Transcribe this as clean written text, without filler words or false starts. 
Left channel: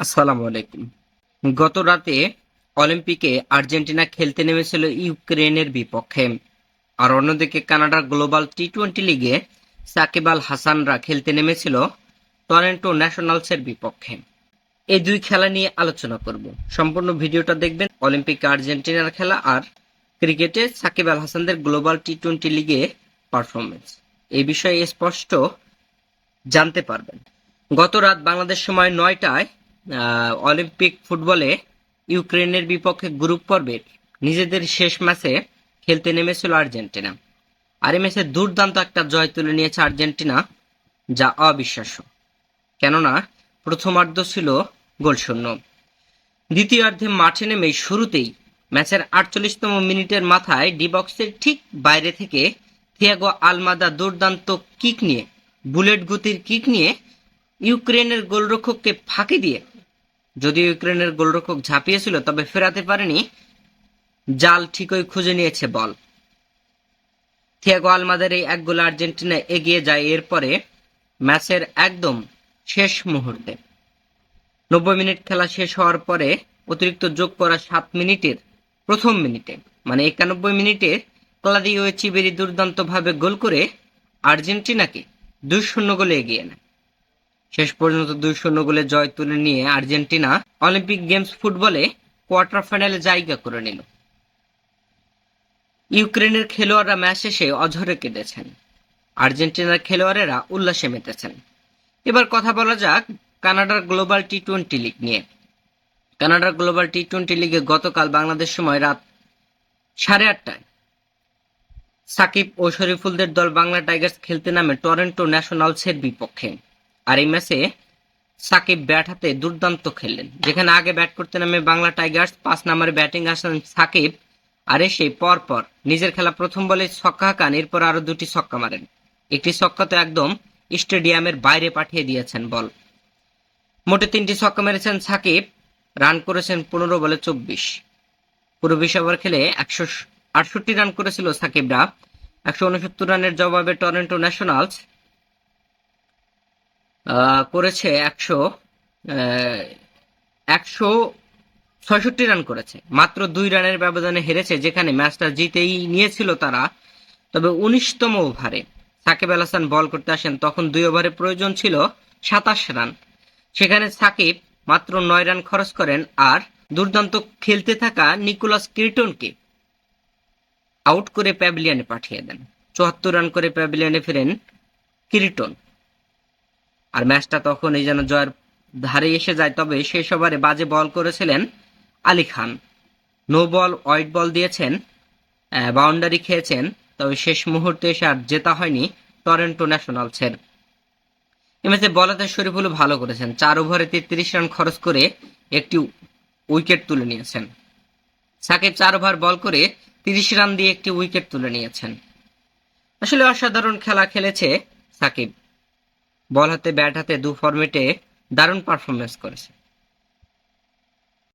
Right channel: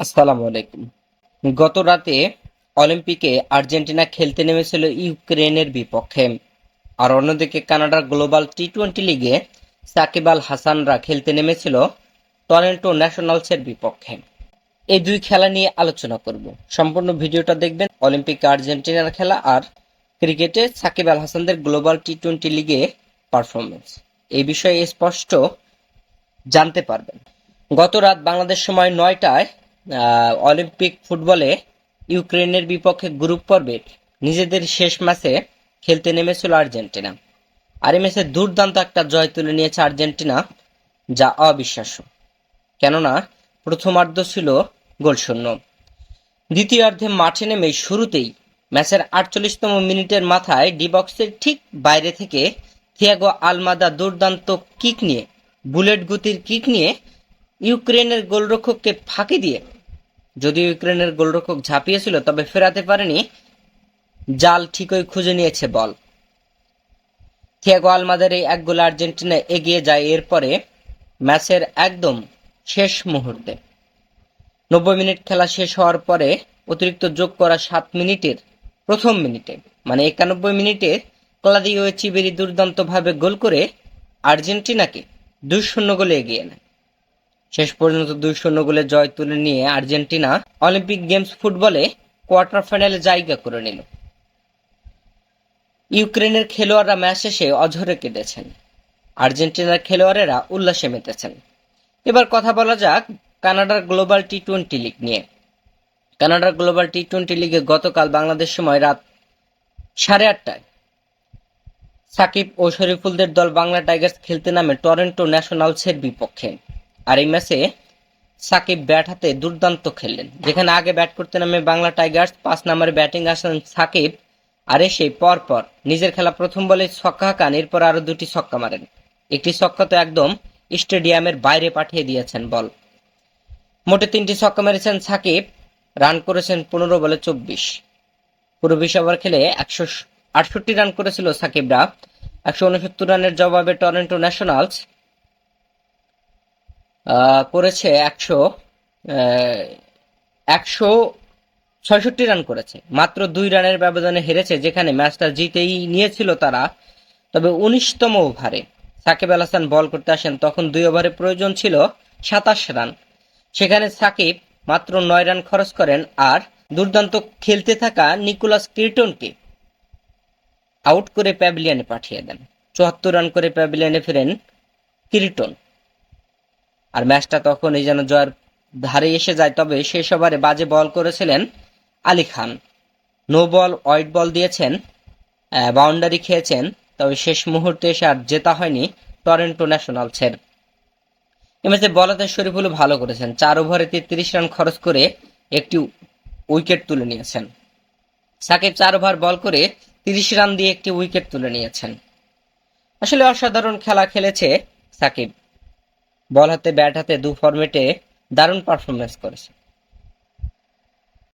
আসসালামু আলাইকুম। গত রাতে অলিম্পিকে আর্জেন্টিনা খেলতে নেমেছিল ইউক্রেনের বিপক্ষে। আর অন্যদিকে কানাডার গ্লোবাল টি-টোয়েন্টি লিগে সাকিব আল হাসানরা খেলতে নেমেছিল টরন্টো ন্যাশনালসের বিপক্ষে। এই দুই খেলা নিয়ে আলোচনা করব। সম্পূর্ণ ভিডিওটা দেখবেন। অলিম্পিকে আর্জেন্টিনার খেলা আর ক্রিকেটে সাকিব আল হাসানদের গ্লোবাল টি-টোয়েন্টি লিগে পারফরমেন্স, এই বিষয়ে স্পষ্ট জানতে পারবেন। গত রাত বাংলাদেশ সময় ৯টায় অলিম্পিক ফুটবলে ইউক্রেনের বিপক্ষে গ্রুপ পর্বের নিজেদের শেষ ম্যাচে খেলতে নেমেছিল আর্জেন্টিনা। আর এই ম্যাচে দুর্দান্ত একটা জয় তুলে নিয়েছে আর্জেন্টিনা, যা অবিশ্বাস্য। কেননা প্রথমার্ধ ছিল গোলশূন্য। দ্বিতীয়ার্ধে মাঠে নেমে শুরুতেই ম্যাচের ৪৮তম মিনিটের মাথায় ডি বক্সের ঠিক বাইরে থেকে থিয়াগো আলমাদা দুর্দান্ত কিক নিয়ে, বুলেট গতির কিক নিয়ে ইউক্রেনের গোলরক্ষককে ফাঁকি দিয়ে, যদিও ইউক্রেনের গোলরক্ষক ঝাঁপিয়েছিল তবে ফেরাতে পারেনি, জাল ঠিকই খুঁজে নিয়েছে বল। থিয়াগো আলমাদার এই এক গোলে আর্জেন্টিনা এগিয়ে যায়। এরপরে ম্যাচের একদম শেষ মুহূর্তে ৯০ মিনিট খেলা শেষ হওয়ার পরে অতিরিক্ত যোগ করা ৭ মিনিটের প্রথম মিনিটে মানে ৯১ মিনিটে ক্লাদিও এচিবেরি দুর্দান্তভাবে গোল করে আর্জেন্টিনাকে ২-০ গোলে এগিয়ে নেয়। শেষ পর্যন্ত ২-০ গোলে জয় তুলে নিয়ে আর্জেন্টিনা অলিম্পিক গেমস ফুটবলে কোয়ার্টার ফাইনালে জায়গা করে নিল। ইউক্রেনের খেলোয়াড়রা ম্যাচ শেষে অঝরে কেঁদেছেন, আর্জেন্টিনার খেলোয়াড়েরা উল্লাসে মেতেছেন। এবার কথা বলা যাক কানাডার গ্লোবাল টি-টোয়েন্টি লিগ নিয়ে। কানাডার গ্লোবাল টি-টোয়েন্টি লিগে গতকাল বাংলাদেশ সময় রাত ৮:৩০টায় সাকিব ও শরীফুলদের দল বাংলা টাইগার্স খেলতে নামে টরন্টো ন্যাশনালসের বিপক্ষে। আর এই ম্যাচে সাকিব ব্যাট হাতে দুর্দান্ত খেললেন। যেখানে আগে ব্যাট করতে নামে বাংলা টাইগার্স ৫ নম্বরে ব্যাটিং আসেন সাকিব, আর এসে পরপর নিজের খেলা প্রথম বলে ছক্কা হাঁকান, এরপর আরো ২টি ছক্কা মারেন। একটি ছক্কা তো একদম স্টেডিয়ামের বাইরে পাঠিয়ে দিয়েছেন বল। মোটে ৩টি ছক্কা মেরেছেন সাকিব, রান করেছেন ১৫ বলে ২৪। পুরো ২০ ওভার খেলে ১৬৮ রান করেছিল সাকিবরা। ১৬৯ রানের জবাবে টরন্টো ন্যাশনালস করেছে ১৬৬ রান করেছে। মাত্র ২ রানের ব্যবধানে হেরেছে, যেখানে ম্যাচটা জিতেই নিয়েছিল তারা। তবে ১৯তম ওভারে সাকিব আল হাসান বল করতে আসেন, তখন ২ ওভারে প্রয়োজন ছিল ২৭ রান। সেখানে সাকিব মাত্র ৯ রান খরচ করেন আর দুর্দান্ত খেলতে থাকা নিকোলাস ক্রিটনকে আউট করে প্যাভিলিয়নে পাঠিয়ে দেন। ৭৪ রান করে প্যাভিলিয়নে ফেরেন ক্রিটন। আর ম্যাচটা তখন এই যেন জয়ের ধারে এসে যায়। তবে শেষ ওভারে বাজে বল করেছিলেন Ali Khan, no ball wide ball দিয়েছেন, বাউন্ডারি খেয়েছেন। তবে শেষ মুহূর্তে এসে আর জেতা হয়নি টরন্টো ন্যাশনালসের। এ ম্যাচে বল হাতে শরীফুল ভালো করেছেন, ৪ ওভারে ৩৩ রান খরচ করে একটি উইকেট তুলে নিয়েছেন। সাকিব ৪ ওভার বল করে ৩০ রান দিয়ে একটি উইকেট তুলে নিয়েছেন। আসলে অসাধারণ খেলা খেলেছে সাকিব। বল হাতে ব্যাট হাতে দু ফরম্যাটে দারুণ পারফরমেন্স করেছে।